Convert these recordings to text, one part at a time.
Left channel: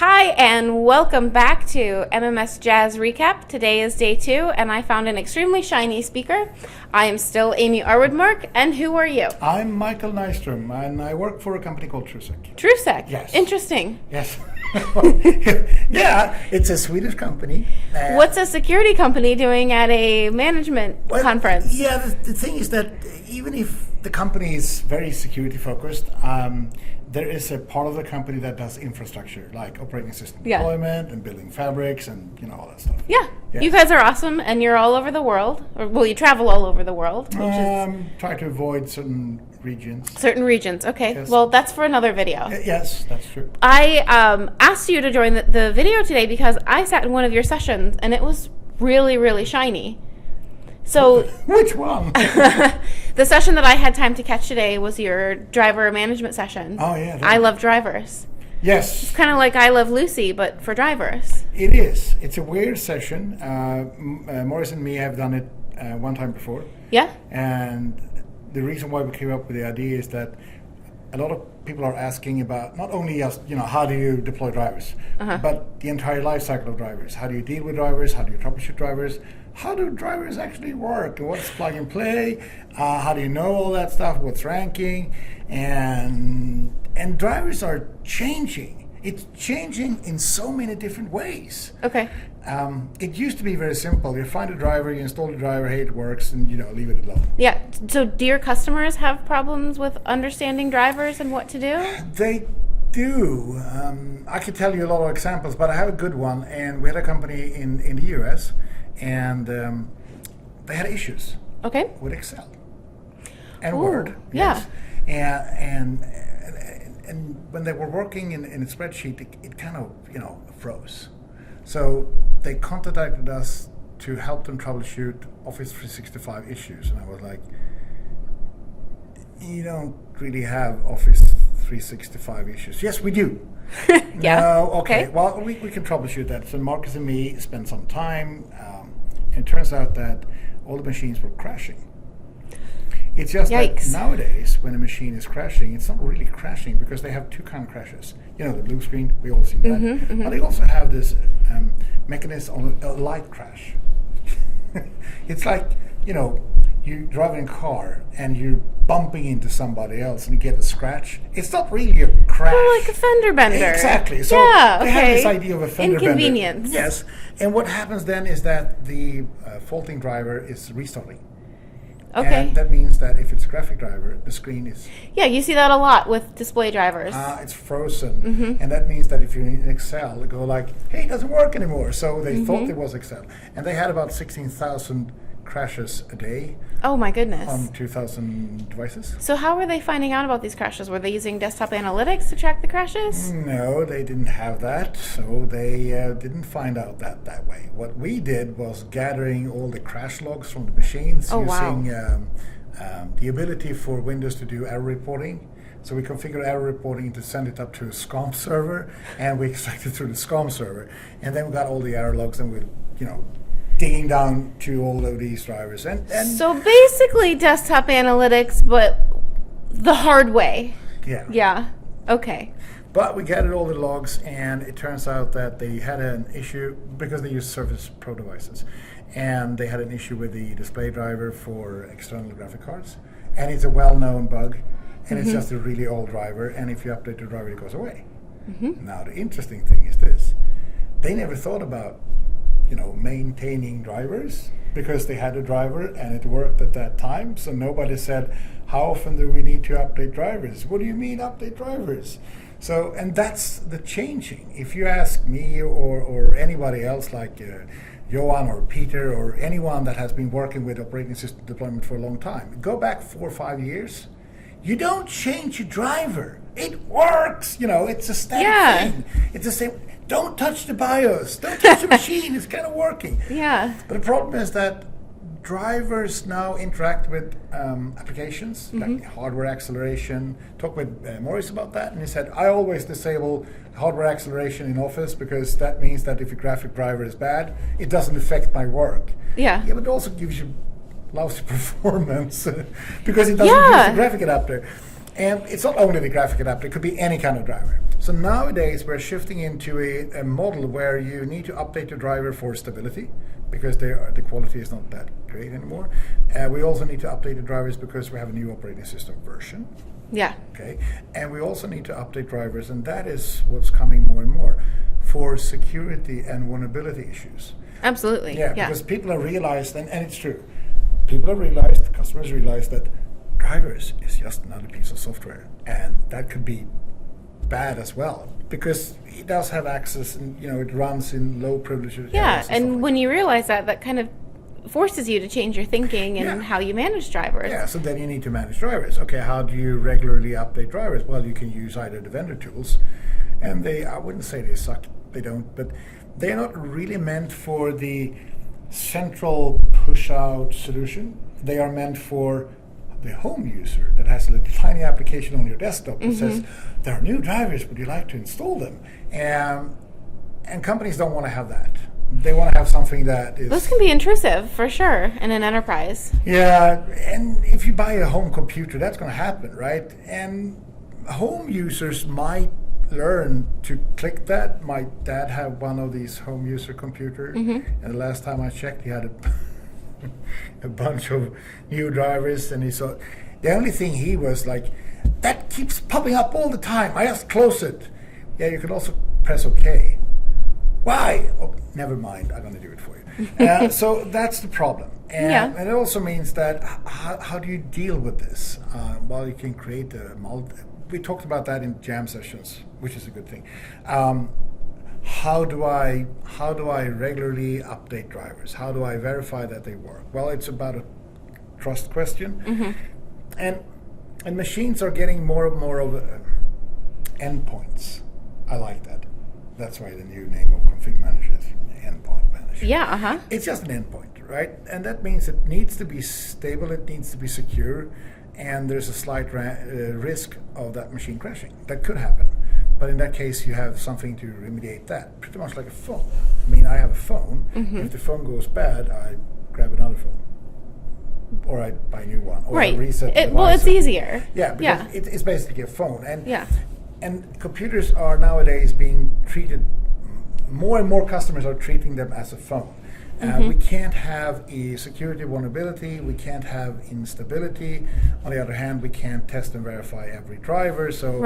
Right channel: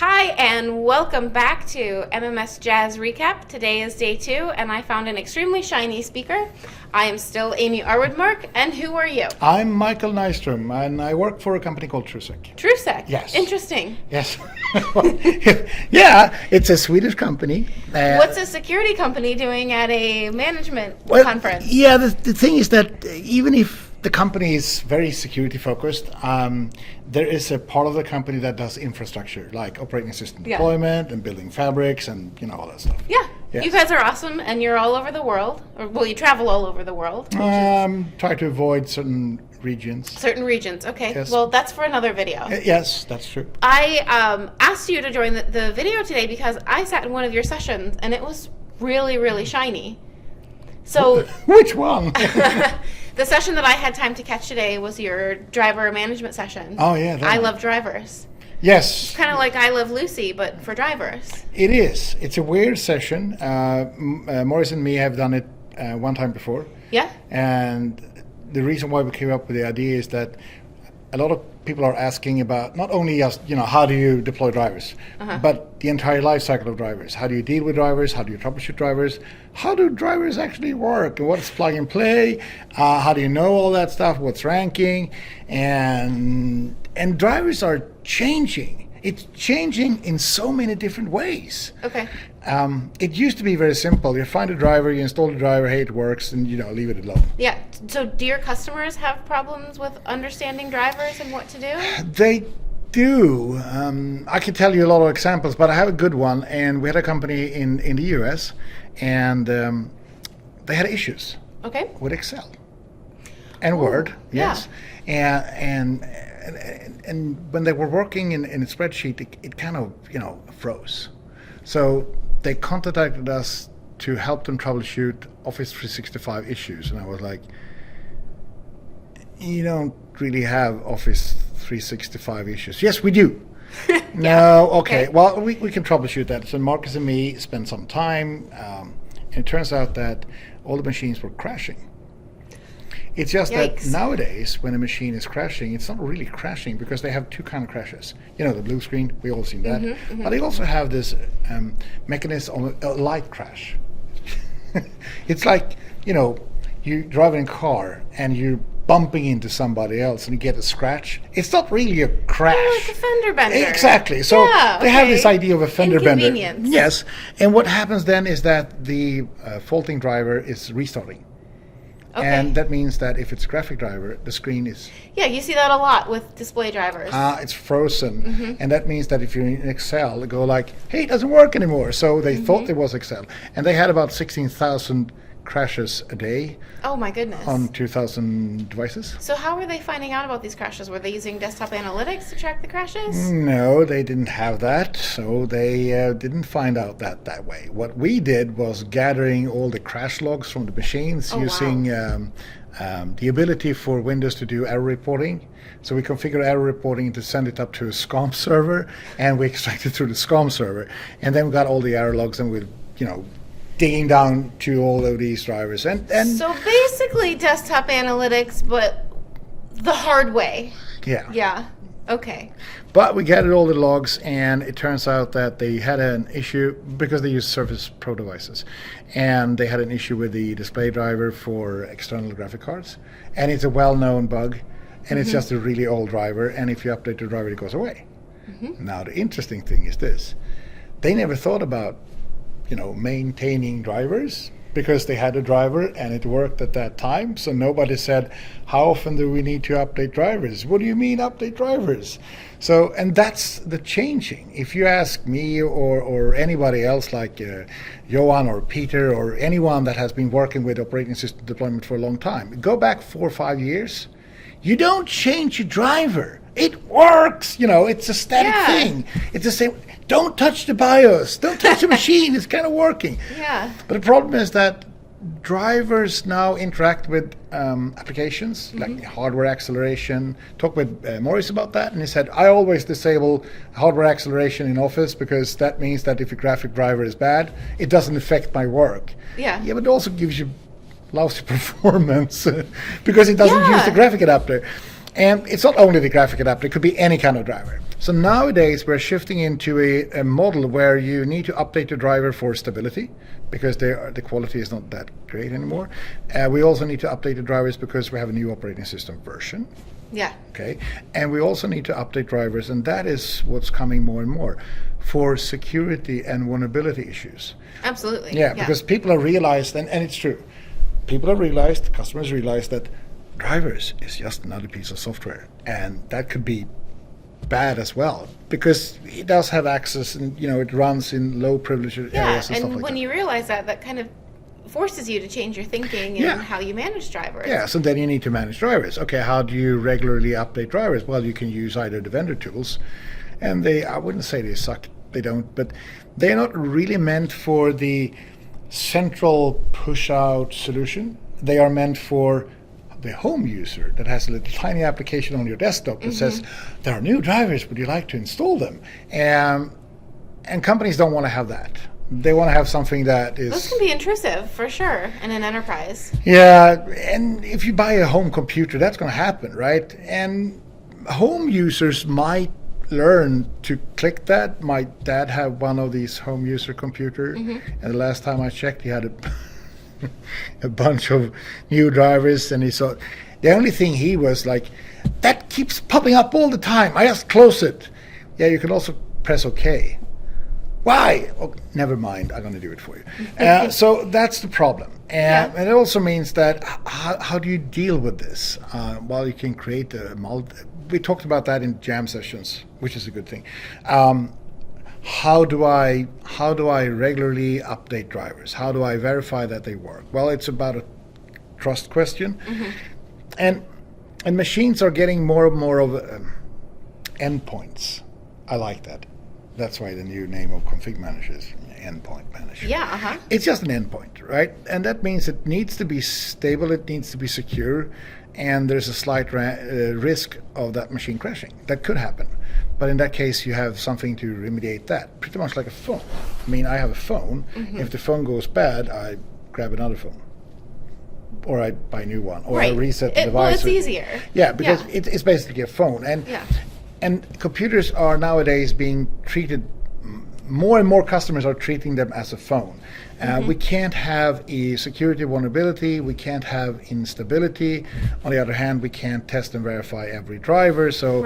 Hi, and welcome back to MMS Jazz Recap. Today is day 2, and I found an extremely shiny speaker. I am still Amy Arwoodmark, and who are you? I'm Mikael Nyström, and I work for a company called Trusek. Trusek? Yes. Interesting. Yes. Yeah, it's a Swedish company. What's a security company doing at a management conference? Yeah, the thing is that even if the company is very security focused, there is a part of the company that does infrastructure, like operating system deployment and building fabrics and all that stuff. Yeah. Yes. You guys are awesome, and you're all over the world. Well, you travel all over the world. Try to avoid certain regions. Certain regions, okay. Yes. Well, that's for another video. Yes, that's true. I asked you to join the video today because I sat in one of your sessions, and it was really, really shiny. So which one? The session that I had time to catch today was your driver management session. Oh, yeah. I love drivers. Yes. It's kind of like I Love Lucy, but for drivers. It is. It's a weird session. Maurice and me have done it one time before. Yeah? And the reason why we came up with the idea is that a lot of people are asking about not only just, how do you deploy drivers, but the entire life cycle of drivers. How do you deal with drivers? How do you troubleshoot drivers? How do drivers actually work? What's plug and play? How do you know all that stuff? What's ranking? And drivers are changing. It's changing in so many different ways. Okay. It used to be very simple. You find a driver, you install the driver, hey, it works, and leave it alone. Yeah. So do your customers have problems with understanding drivers and what to do? They do. I could tell you a lot of examples, but I have a good one. And we had a company in the US, and they had issues with Excel and Word. Yes. Yeah. And when they were working in a spreadsheet, it kind of, froze. So they contacted us to help them troubleshoot Office 365 issues. And I was like, you don't really have Office 365 issues. Yes, we do. Yeah. No, okay. Well, we can troubleshoot that. So Marcus and me spent some time. And it turns out that all the machines were crashing. It's just that nowadays, when a machine is crashing, it's not really crashing because they have two kind of crashes. The blue screen, we all seen that. But they also have this mechanism of a light crash. It's like, you driving a car and you're bumping into somebody else and you get a scratch. It's not really a crash. Oh, like a fender bender. Exactly. So they have this idea of a fender bender. Inconvenience. Yes. And what happens then is that the faulting driver is restarting. Okay. And that means that if it's a graphic driver, the screen is... Yeah, you see that a lot with display drivers. It's frozen. And that means that if you're in Excel, they go like, hey, it doesn't work anymore. So they thought it was Excel. And they had about 16,000 crashes a day. Oh my goodness. On 2,000 devices. So how were they finding out about these crashes? Were they using desktop analytics to track the crashes? No, they didn't have that. So they didn't find out that way. What we did was gathering all the crash logs from the machines using the ability for Windows to do error reporting. So we configure error reporting to send it up to a SCOM server, and we extract it through the SCOM server. And then we got all the error logs, and we, digging down to all of these drivers. And so basically desktop analytics, but the hard way. Yeah. Yeah. Okay. But we gathered all the logs, and it turns out that they had an issue because they use Surface Pro devices. And they had an issue with the display driver for external graphic cards. And it's a well-known bug. And it's just a really old driver. And if you update the driver, it goes away. Now, the interesting thing is this. They never thought about maintaining drivers because they had a driver and it worked at that time. So nobody said, how often do we need to update drivers? What do you mean update drivers? So, and that's the changing. If you ask me or anybody else like Johan or Peter or anyone that has been working with operating system deployment for a long time, go back 4 or 5 years, you don't change your driver. It works. It's a static thing. It's the same. Don't touch the BIOS. Don't touch the machine. It's kind of working. Yeah. But the problem is that drivers now interact with applications like hardware acceleration. Talk with Maurice about that, and he said, I always disable hardware acceleration in Office because that means that if a graphic driver is bad, it doesn't affect my work. Yeah. Yeah, but it also gives you lousy performance because it doesn't use the graphic adapter. And it's not only the graphic adapter, it could be any kind of driver. So nowadays we're shifting into a model where you need to update the driver for stability because the quality is not that great anymore. We also need to update the drivers because we have a new operating system version. Yeah. Okay, and we also need to update drivers, and that is what's coming more and more for security and vulnerability issues. Absolutely. Yeah, because people have realized, and it's true, people have realized, customers realize that drivers is just another piece of software, and that could be bad as well because it does have access, and it runs in low privilege areas. Yeah, and stuff and like when that. you realize that kind of forces you to change your thinking and how you manage drivers. Yeah, so then you need to manage drivers. Okay, how do you regularly update drivers? Well, you can use either the vendor tools, and I wouldn't say they suck, they don't, but they're not really meant for the central push-out solution. They are meant for the home user that has a little tiny application on your desktop that says, there are new drivers, would you like to install them? And companies don't want to have that. They want to have something that is... Those can be intrusive, for sure, in an enterprise. Yeah, and if you buy a home computer, that's going to happen, right? And home users might learn to click that. My dad had one of these home user computers, and the last time I checked, he had a bunch of new drivers, and he saw... The only thing he was like, that keeps popping up all the time. I just close it. Yeah, you can also press OK. Why? Oh, never mind. I'm going to do it for you. So that's the problem. And it also means that how do you deal with this? Well, you can create we talked about that in jam sessions, which is a good thing. How do I regularly update drivers? How do I verify that they work? Well, it's about a trust question. And machines are getting more and more of endpoints. I like that. That's why the new name of ConfigMgr is Endpoint Manager. Yeah, It's just an endpoint, right? And that means it needs to be stable, it needs to be secure, and there's a slight risk of that machine crashing. That could happen. But in that case, you have something to remediate that, pretty much like a phone. I mean, I have a phone. If the phone goes bad, I grab another phone. Or I buy a new one. Or I reset the device. Well, it's easier. Yeah, because it's basically a phone. Yeah. And computers are nowadays being treated, more and more customers are treating them as a phone. We can't have a security vulnerability, we can't have instability. On the other hand, we can't test and verify every driver, so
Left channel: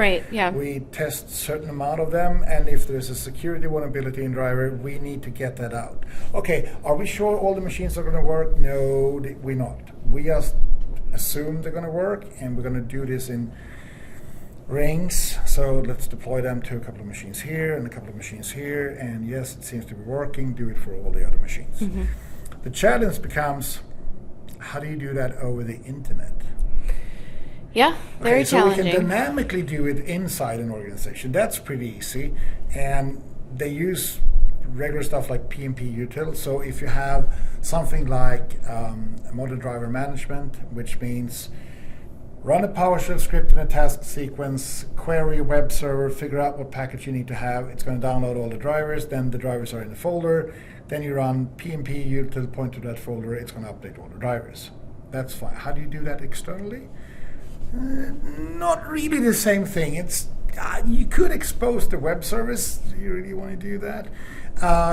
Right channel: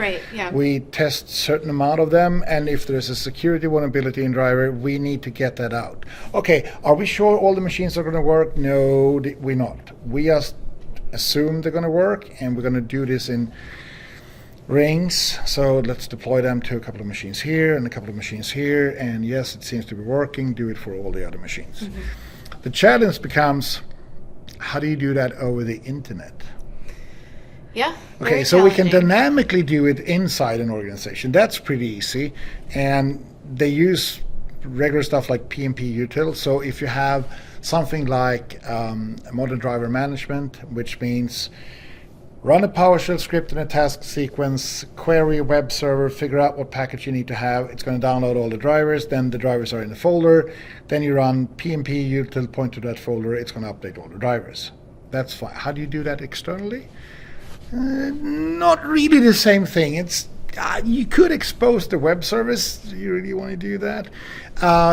we test a certain amount of them, and if there's a security vulnerability in driver, we need to get that out. Okay, are we sure all the machines are going to work? No, we're not. We just assume they're going to work, and we're going to do this in rings, so let's deploy them to a couple of machines here and a couple of machines here, and yes, it seems to be working, do it for all the other machines. The challenge becomes, how do you do that over the internet? Yeah, okay, so we can dynamically do it inside an organization. That's pretty easy, and they use regular stuff like PnP util. So if you have something like modern driver management, which means run a PowerShell script in a task sequence, query a web server, figure out what package you need to have. It's going to download all the drivers. Then the drivers are in the folder. Then you run PnP util, point to that folder. It's going to update all the drivers. That's fine. How do you do that externally? Not really the same thing. It's you could expose the web service. Do you really want to do that?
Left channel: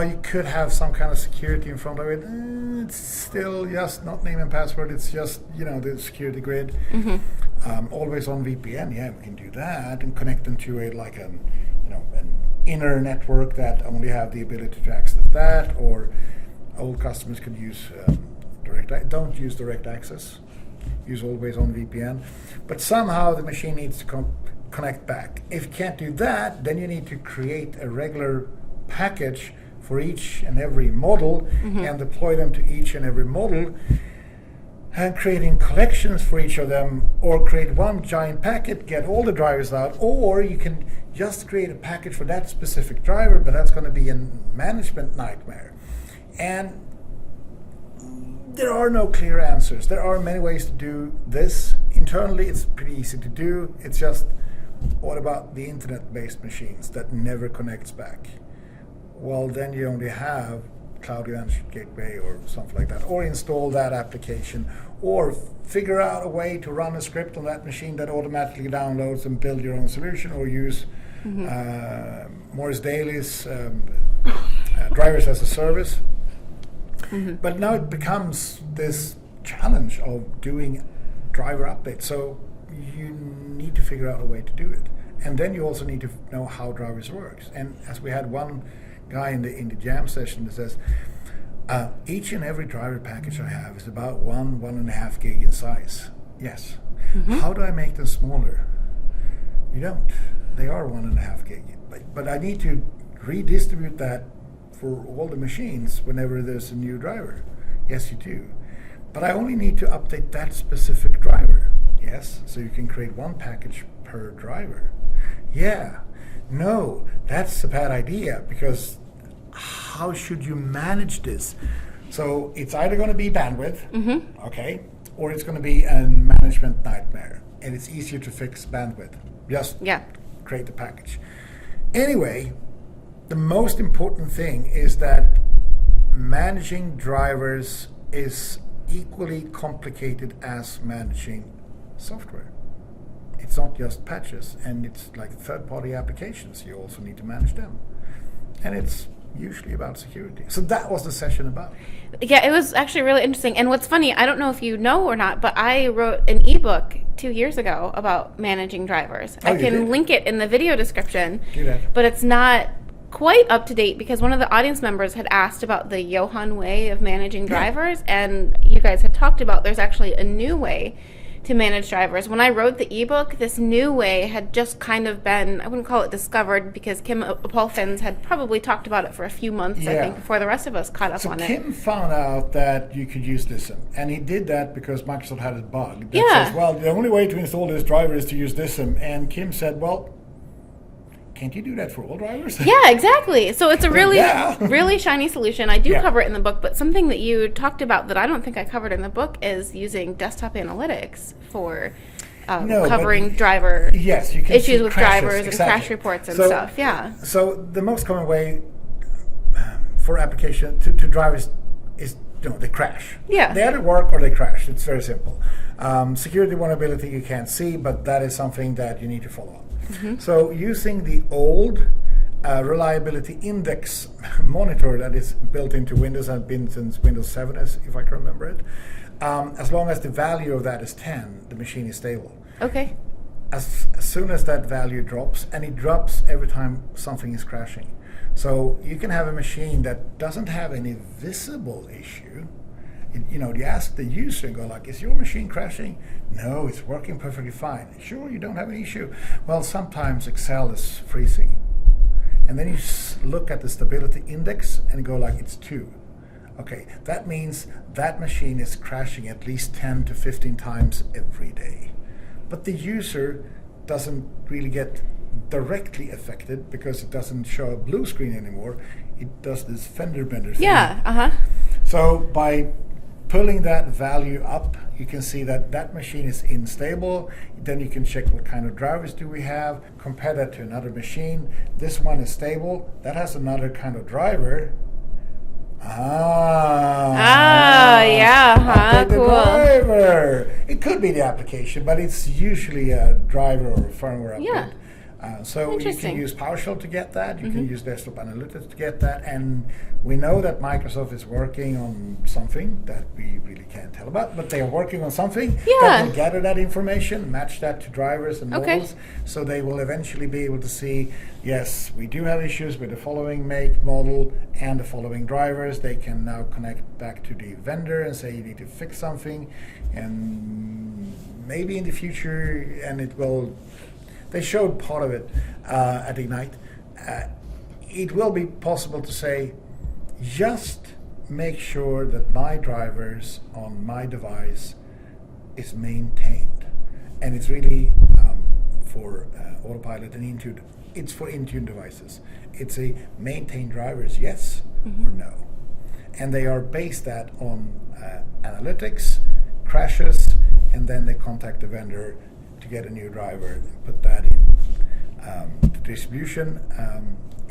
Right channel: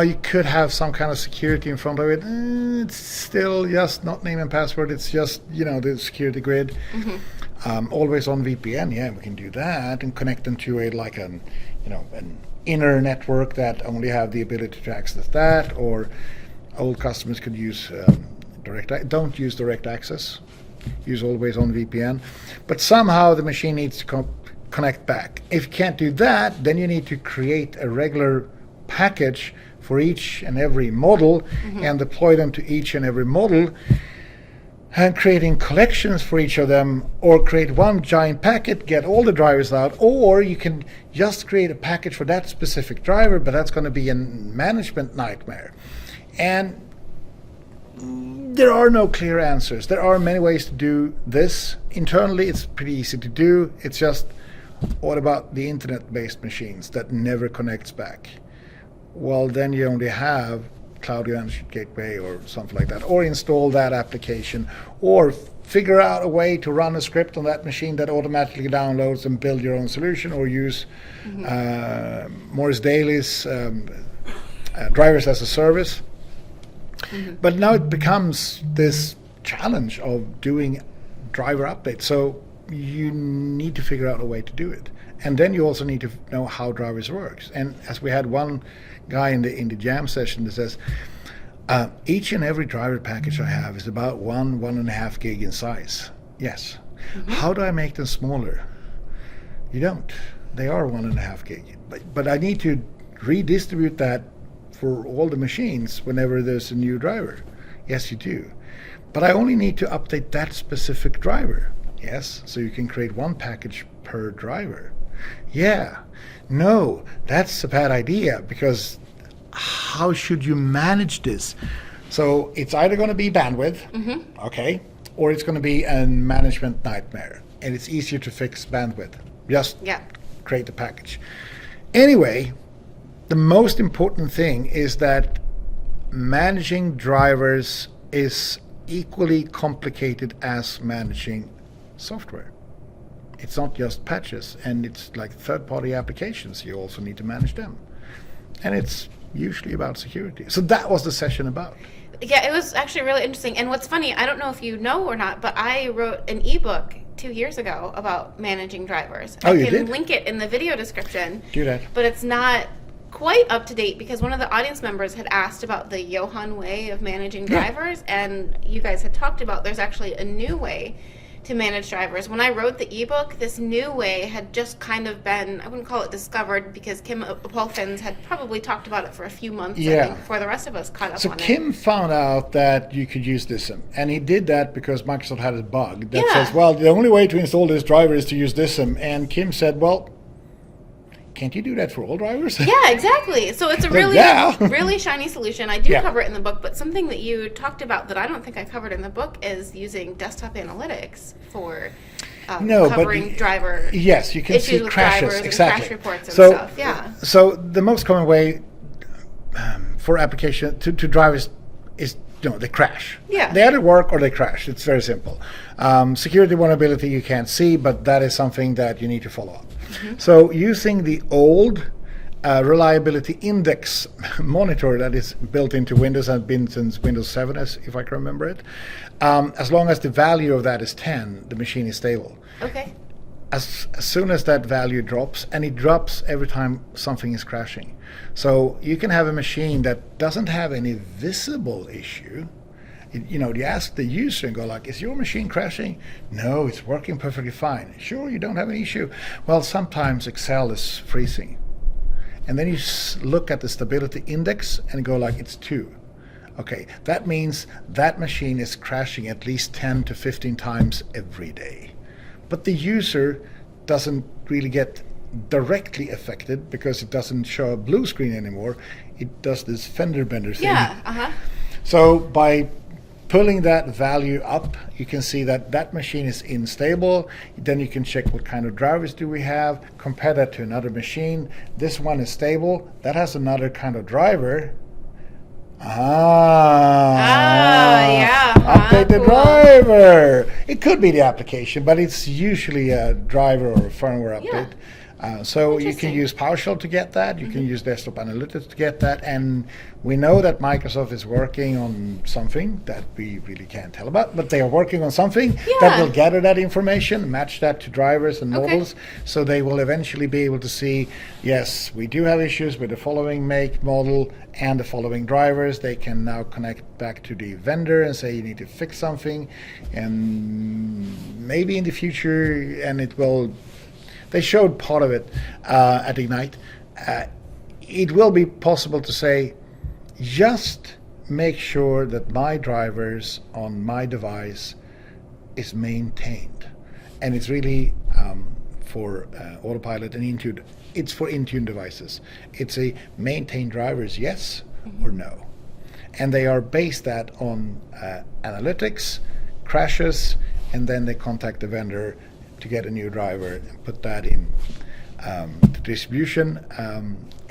You could have some kind of security in front of it. It's still just not name and password. It's just the security grid. Always on VPN. Yeah, we can do that and connect them to an inner network that only have the ability to access that. Or old customers could use don't use direct access. Use always on VPN. But somehow the machine needs to connect back. If you can't do that, then you need to create a regular package for each and every model and deploy them to each and every model, and creating collections for each of them, or create one giant packet, get all the drivers out, or you can just create a package for that specific driver, but that's going to be a management nightmare. And there are no clear answers. There are many ways to do this. Internally, it's pretty easy to do. It's just, what about the internet-based machines that never connects back? Well, then you only have cloud management gateway or something like that, or install that application, or figure out a way to run a script on that machine that automatically downloads and build your own solution, or use Morris Daly's drivers as a service. But now it becomes this challenge of doing driver updates. So you need to figure out a way to do it. And then you also need to know how drivers works. And as we had one guy in the jam session that says, each and every driver package I have is about 1.5 gig in size. Yes. How do I make them smaller? You don't. They are 1.5 gig. But I need to redistribute that for all the machines whenever there's a new driver. Yes, you do. But I only need to update that specific driver. Yes. So you can create one package per driver. Yeah. No, that's a bad idea, because how should you manage this? So it's either going to be bandwidth, okay, or it's going to be a management nightmare. And it's easier to fix bandwidth. Just create the package. Anyway, the most important thing is that managing drivers is equally complicated as managing software. It's not just patches, and it's like third-party applications. You also need to manage them. And it's usually about security. So that was the session about. Yeah, it was actually really interesting. And what's funny, I don't know if you know or not, but I wrote an ebook 2 years ago about managing drivers. I can link it in the video description. Do that. But it's not quite up to date, because one of the audience members had asked about the Johan way of managing drivers, and you guys had talked about there's actually a new way to manage drivers. When I wrote the ebook, this new way had just kind of been, I wouldn't call it discovered, because Kim Apolfins had probably talked about it for a few months, I think, before the rest of us caught up on it. So Kim found out that you could use DISM, and he did that because Microsoft had a bug that says, well, the only way to install this driver is to use DISM. And Kim said, well, can't you do that for all drivers? Yeah, exactly. So it's a really, really shiny solution. I do cover it in the book, but something that you talked about that I don't think I covered in the book is using desktop analytics for covering driver you can issues see with crashes, drivers and crash reports and stuff. Yeah. So the most common way for application to drivers is, they crash. Yeah. They either work or they crash. It's very simple. Security vulnerability you can't see, but that is something that you need to follow up. So using the old reliability index monitor that is built into Windows and been since Windows 7, if I can remember it, as long as the value of that is 10, the machine is stable. Okay. As soon as that value drops, and it drops every time something is crashing. So you can have a machine that doesn't have any visible issue. You ask the user and go like, is your machine crashing? No, it's working perfectly fine. Sure, you don't have an issue. Well, sometimes Excel is freezing. And then you look at the stability index and go like, it's 2. Okay, that means that machine is crashing at least 10 to 15 times every day. But the user doesn't really get directly affected because it doesn't show a blue screen anymore. It does this fender bender thing. Yeah, So by pulling that value up, you can see that that machine is unstable. Then you can check what kind of drivers do we have, compare that to another machine. This one is stable. That has another kind of driver. Update the driver. It could be the application, but it's usually a driver or a firmware update. So you can use PowerShell to get that. You can use Desktop Analytics to get that. And we know that Microsoft is working on something that we really can't tell about, but they are working on something that will gather that information, match that to drivers and models, so they will eventually be able to see, yes, we do have issues with the following make, model, and the following drivers. They can now connect back to the vendor and say you need to fix something, and maybe in the future, and it will. They showed part of it at Ignite. It will be possible to say, just make sure that my drivers on my device is maintained. And it's really for Autopilot and Intune. It's for Intune devices. It's a maintain drivers, yes or no. And they are based that on analytics, crashes, and then they contact the vendor to get a new driver and put that in the distribution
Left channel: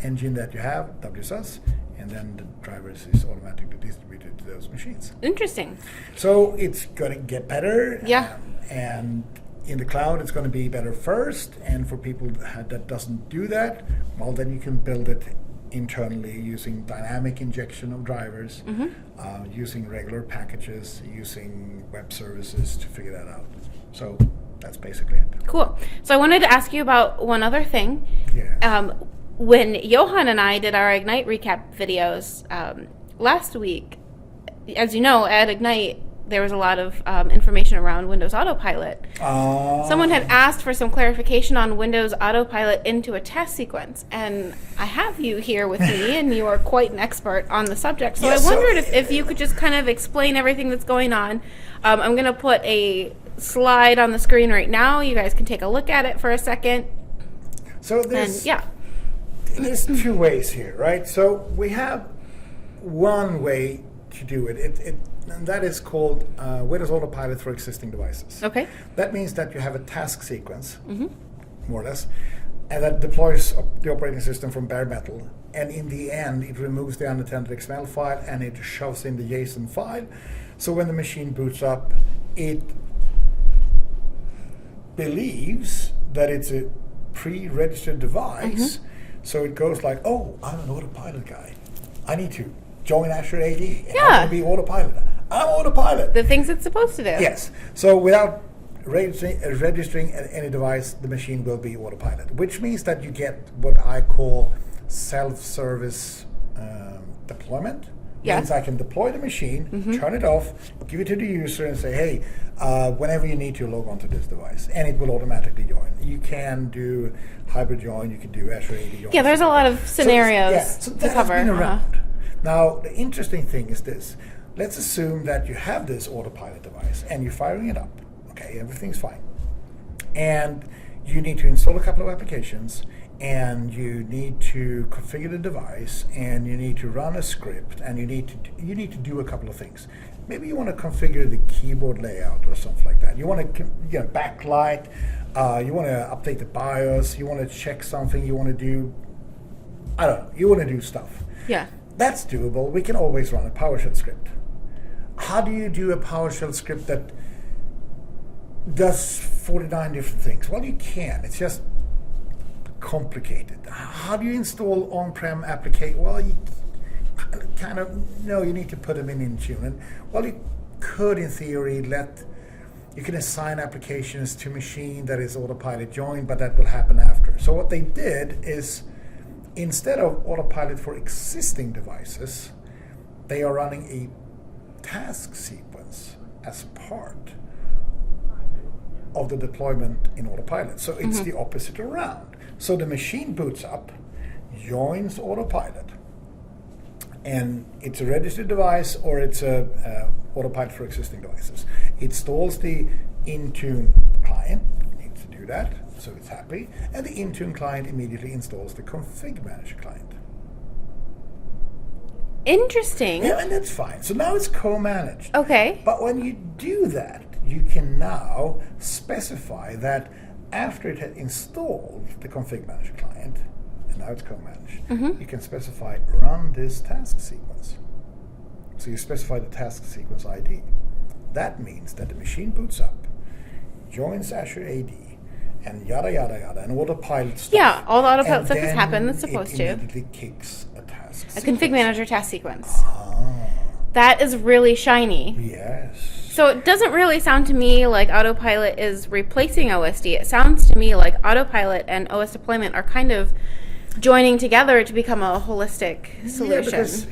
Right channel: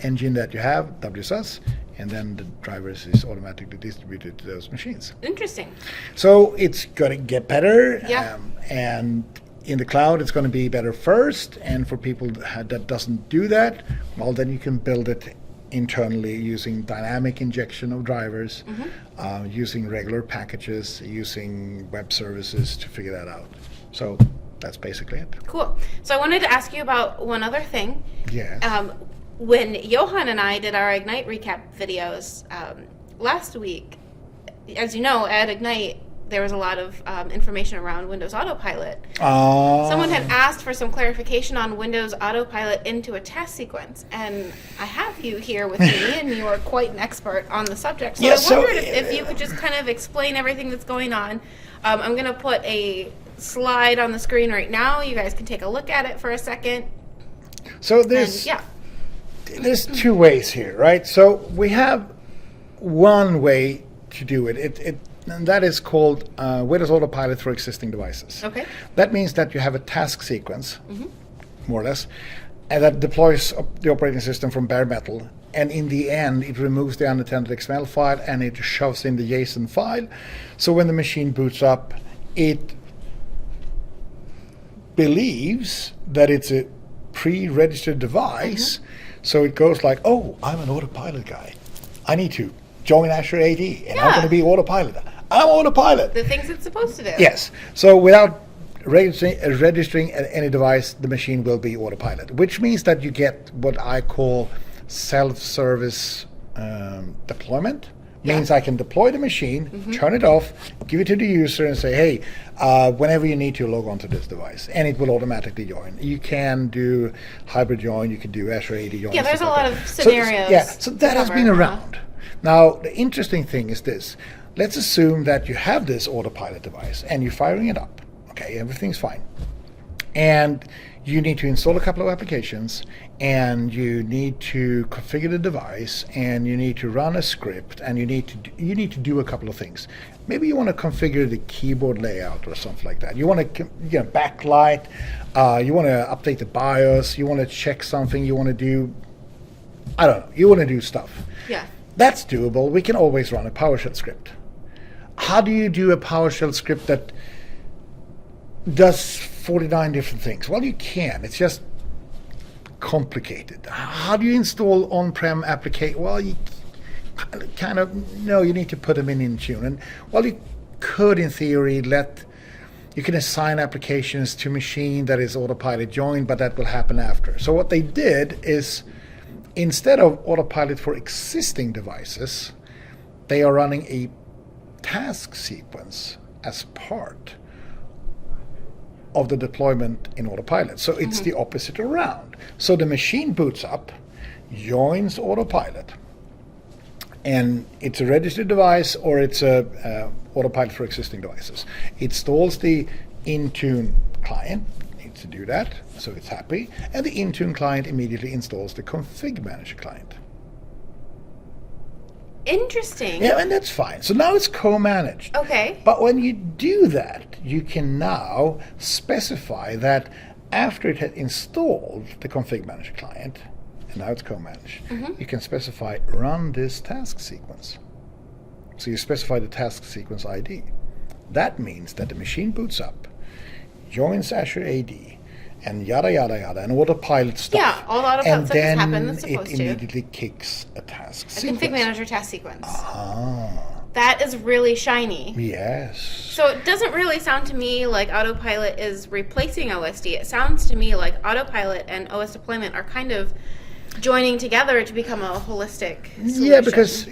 engine that you have, WSUS, and then the drivers is automatically distributed to those machines. Interesting. So it's going to get better. Yeah. And in the cloud, it's going to be better first. And for people that doesn't do that, well, then you can build it internally using dynamic injection of drivers, using regular packages, using web services to figure that out. So that's basically it. Cool. So I wanted to ask you about one other thing. Yeah. When Johan and I did our Ignite recap videos last week, as you know, at Ignite, there was a lot of information around Windows Autopilot. Someone had asked for some clarification on Windows Autopilot into a task sequence, and I have you here with me, and you are quite an expert on the subject. So I wondered if you could just kind of explain everything that's going on. I'm going to put a slide on the screen right now. You guys can take a look at it for a second. So there's two ways here, right? So we have one way to do it. And that is called Windows Autopilot for existing devices. Okay. That means that you have a task sequence, more or less, and that deploys the operating system from bare metal. And in the end, it removes the unattended XML file and it shoves in the JSON file. So when the machine boots up, it believes that it's a pre-registered device. So it goes like, oh, I'm an Autopilot guy. I need to join Azure AD, and I'm going to be Autopilot. I'm Autopilot. The things it's supposed to do. Yes. So without registering any device, the machine will be Autopilot, which means that you get what I call self-service deployment. Means I can deploy the machine, turn it off, give it to the user, and say, hey, whenever you need to, log on to this device, and it will automatically join. You can do hybrid join, you can do Azure AD join. Yeah, there's a lot of scenarios. So that has been around. Now, the interesting thing is this. Let's assume that you have this Autopilot device, and you're firing it up. Okay, everything's fine. And you need to install a couple of applications, and you need to configure the device, and you need to run a script, and you need to do a couple of things. Maybe you want to configure the keyboard layout or something like that. You want to backlight. You want to update the BIOS. You want to check something. You want to do, I don't know. You want to do stuff. Yeah. That's doable. We can always run a PowerShell script. How do you do a PowerShell script that does 49 different things? Well, you can. It's just complicated. How do you install on-prem application? Well, you kind of you need to put them in Intune. And well, you could, in theory, you can assign applications to machine that is Autopilot joined, but that will happen after. So what they did is, instead of Autopilot for existing devices, they are running a task sequence as part of the deployment in Autopilot. So it's the opposite around. So the machine boots up, joins Autopilot, and it's a registered device or it's a Autopilot for existing devices. It installs the Intune client, needs to do that, so it's happy, and the Intune client immediately installs the ConfigMgr client. Interesting. Yeah, and that's fine. So now it's co-managed. Okay. But when you do that, you can now specify that after it had installed the ConfigMgr client, and now it's co-managed, you can specify run this task sequence. So you specify the task sequence ID. That means that the machine boots up, joins Azure AD, and yada yada yada, and Autopilot stuff. Yeah, all the Autopilot stuff has happened that's supposed to. It immediately kicks a task sequence. ConfigMgr task sequence. Ah. That is really shiny. Yes. So it doesn't really sound to me like Autopilot is replacing OSD. It sounds to me like Autopilot and OS deployment are kind of joining together to become a holistic solution. Yeah, because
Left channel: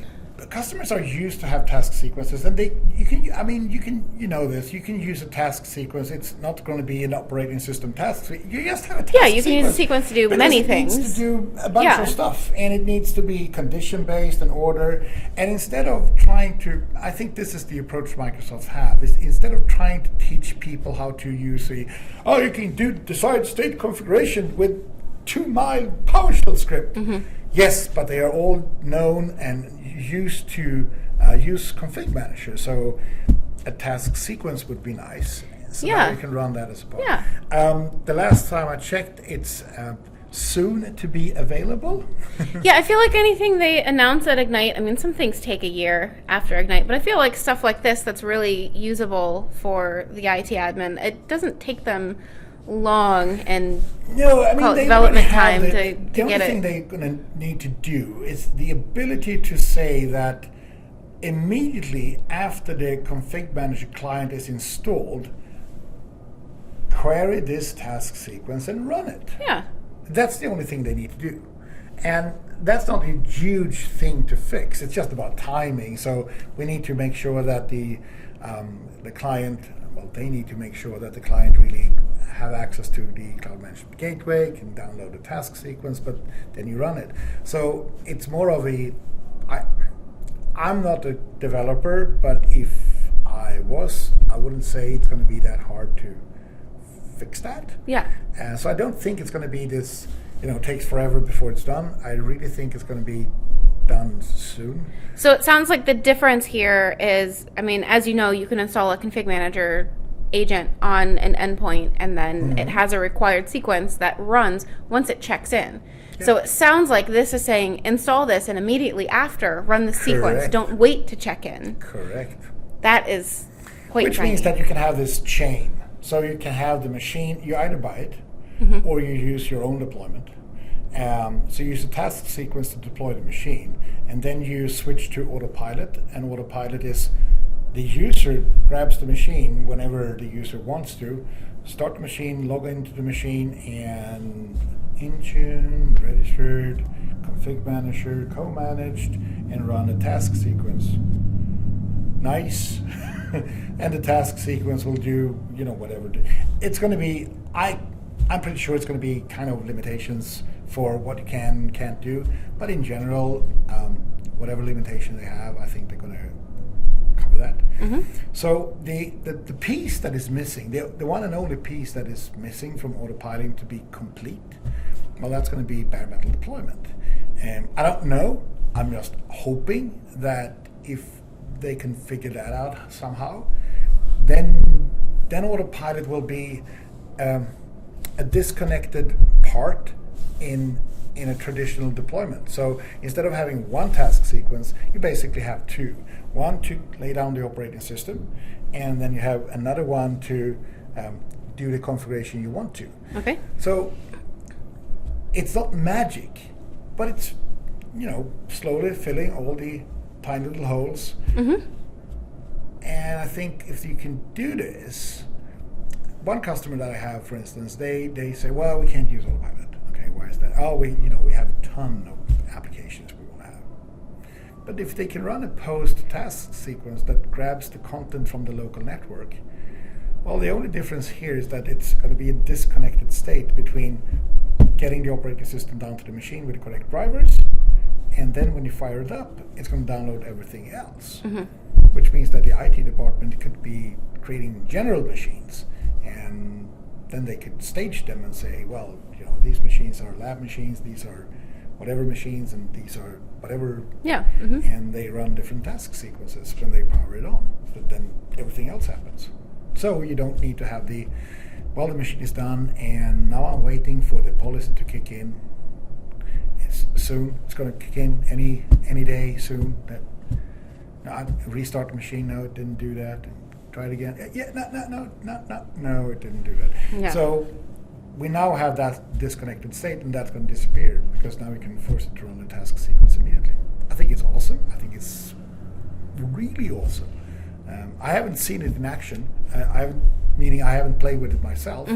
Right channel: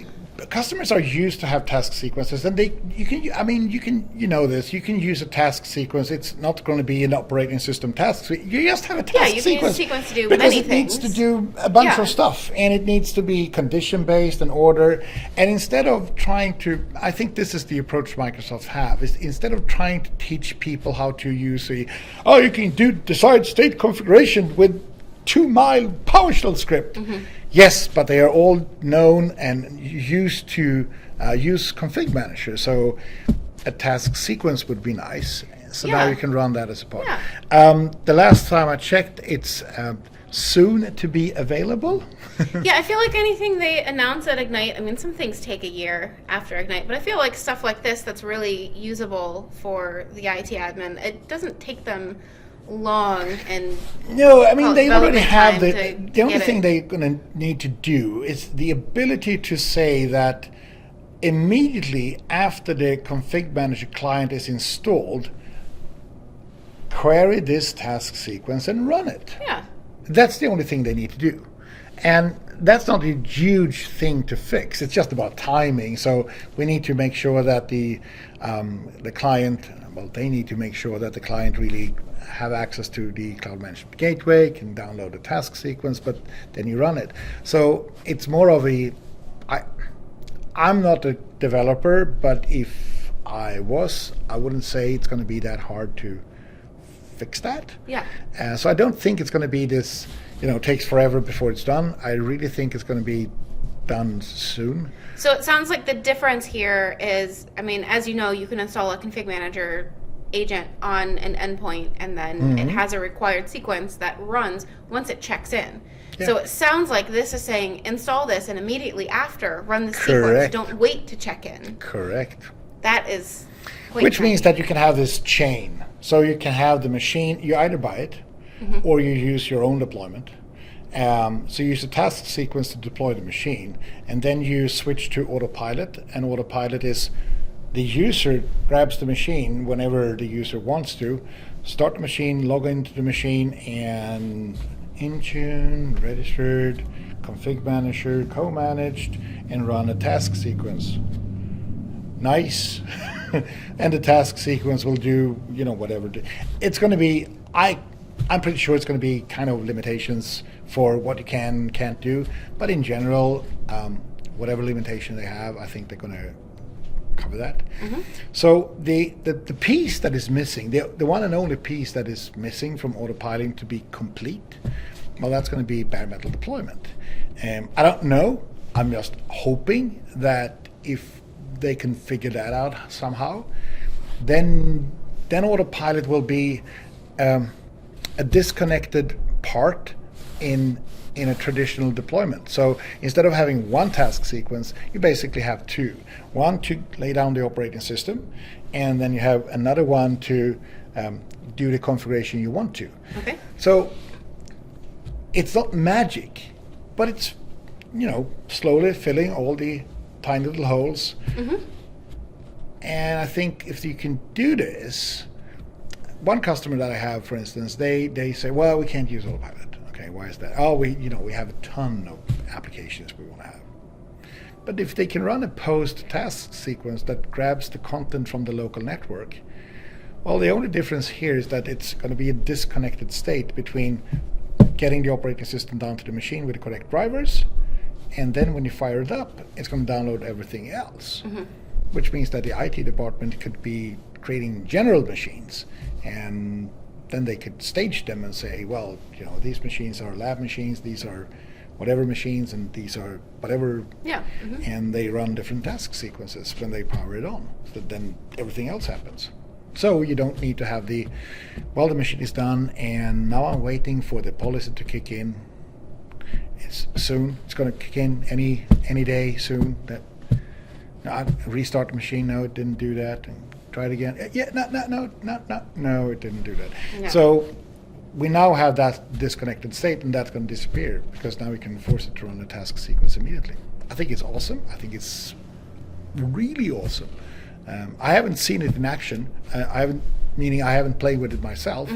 customers are used to have task sequences, and you can use a task sequence. It's not going to be an operating system task. You just have a task sequence. Yeah, you can use a sequence to do because many it things. It needs to do a bunch of stuff, and it needs to be condition-based and order. And instead of trying to, I think this is the approach Microsoft have, is instead of trying to teach people how to use you can decide state configuration with 2-mile PowerShell script. Yes, but they are all known and used to use ConfigMgr. So a task sequence would be nice. So now you can run that as a part. Yeah. The last time I checked, it's soon to be available. Yeah, I feel like anything they announce at Ignite, I mean, some things take a year after Ignite, but I feel like stuff like this that's really usable for the IT admin, it doesn't take them long and No, I mean, they already have the only thing they're going to need to do is the ability to say that immediately after the config manager client is installed, query this task sequence and run it. Yeah. That's the only thing they need to do. And that's not a huge thing to fix. It's just about timing. So we need to make sure that the client, well, they need to make sure that the client really have access to the cloud management gateway, can download the task sequence, but then you run it. So it's more of I'm not a developer, but if I was, I wouldn't say it's going to be that hard to fix that. Yeah. So I don't think it's going to be this, takes forever before it's done. I really think it's going to be done soon. So it sounds like the difference here is, I mean, as you know, you can install a config manager agent on an endpoint, and then it has a required sequence that runs once it checks in. Yeah. So it sounds like this is saying install this and immediately after run the sequence. Don't wait to check in. Correct. That is quite Which tiny. means that you can have this chain. So you can have the machine, you either buy it or you use your own deployment. So you use a task sequence to deploy the machine, and then you switch to Autopilot, and Autopilot is the user grabs the machine whenever the user wants to, start the machine, log into the machine, and Intune, registered, config manager, co-managed, and run a task sequence. Nice. And the task sequence will do, whatever. It's going to be, I'm pretty sure it's going to be kind of limitations for what you can't do. But in general, whatever limitation they have, I think they're going to cover that. So the piece that is missing, the one and only piece that is missing from Autopilot to be complete, well, that's going to be bare metal deployment. I don't know. I'm just hoping that if they can figure that out somehow, then Autopilot will be a disconnected part in a traditional deployment. So instead of having one task sequence, you basically have two. One to lay down the operating system, and then you have another one to do the configuration you want to. Okay. So it's not magic, but it's, slowly filling all the tiny little holes. And I think if you can do this, one customer that I have, for instance, they say, well, we can't use Autopilot. Okay, why is that? Oh, we have a ton of applications we want to have. But if they can run a post task sequence that grabs the content from the local network, well, the only difference here is that it's going to be a disconnected state between getting the operating system down to the machine with the correct drivers, and then when you fire it up, it's going to download everything else. Which means that the IT department could be creating general machines, and then they could stage them and say, well, these machines are lab machines, these are whatever machines, and these are whatever. Yeah. And they run different task sequences when they power it on. So then everything else happens. So you don't need to have the machine is done, and now I'm waiting for the policy to kick in. It's soon. It's going to kick in any day soon. I restart the machine. No, it didn't do that. And try it again. Yeah, no, it didn't do that. Yeah. So we now have that disconnected state, and that's going to disappear because now we can force it to run the task sequence immediately. I think it's awesome. I think it's really awesome. I haven't seen it in action. I haven't played with it myself.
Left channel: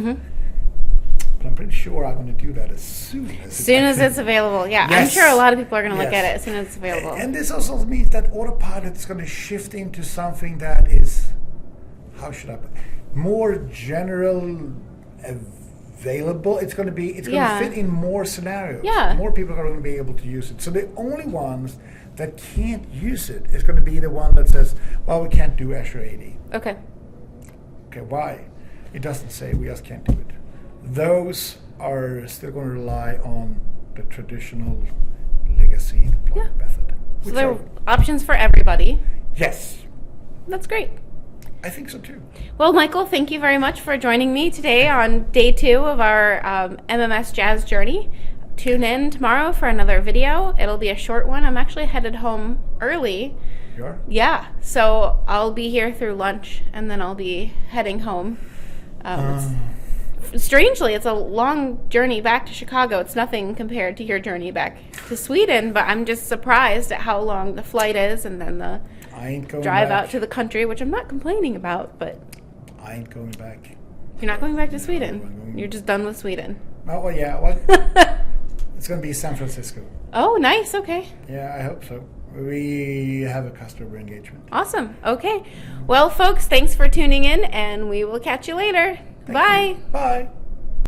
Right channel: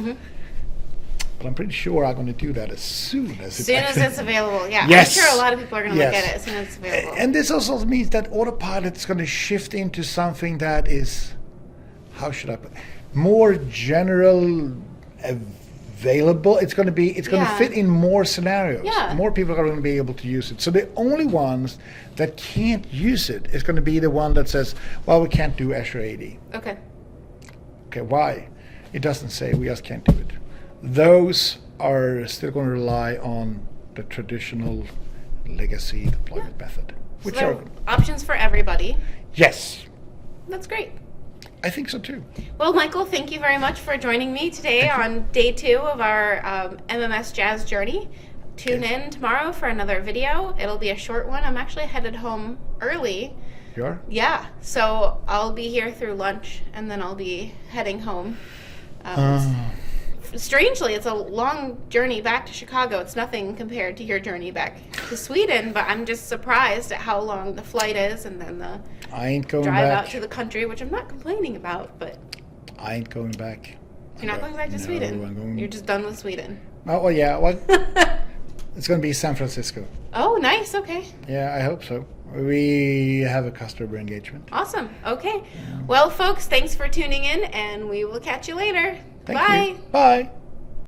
But I'm pretty sure I'm going to do that as soon as it's available. Yeah, yes. I'm sure a lot of people are going to look at it as soon as it's available. And this also means that Autopilot is going to shift into something that is, more general, available. It's going to fit in more scenarios. Yeah. More people are going to be able to use it. So the only ones that can't use it is going to be the one that says, well, we can't do Azure AD. Okay. Okay, why? It doesn't say, we just can't do it. Those are still going to rely on the traditional legacy deployment method. So there are options for everybody. Yes. That's great. I think so too. Well, Michael, thank you very much for joining me today on day 2 of our MMS Jazz journey. Tune in tomorrow for another video. It'll be a short one. I'm actually headed home early. You are? Yeah, so I'll be here through lunch, and then I'll be heading home. Strangely, it's a long journey back to Chicago. It's nothing compared to your journey back to Sweden, but I'm just surprised at how long the flight is, and then the I ain't going drive back. out to the country, which I'm not complaining about, but I ain't going back. you're not going back to No, Sweden. I'm going- You're just done with Sweden. Oh, well, yeah. Well, it's going to be San Francisco. Oh, nice. Okay. Yeah, I hope so. We have a customer engagement. Awesome. Okay. Well, folks, thanks for tuning in, and we will catch you later. Thank Bye. you. Bye.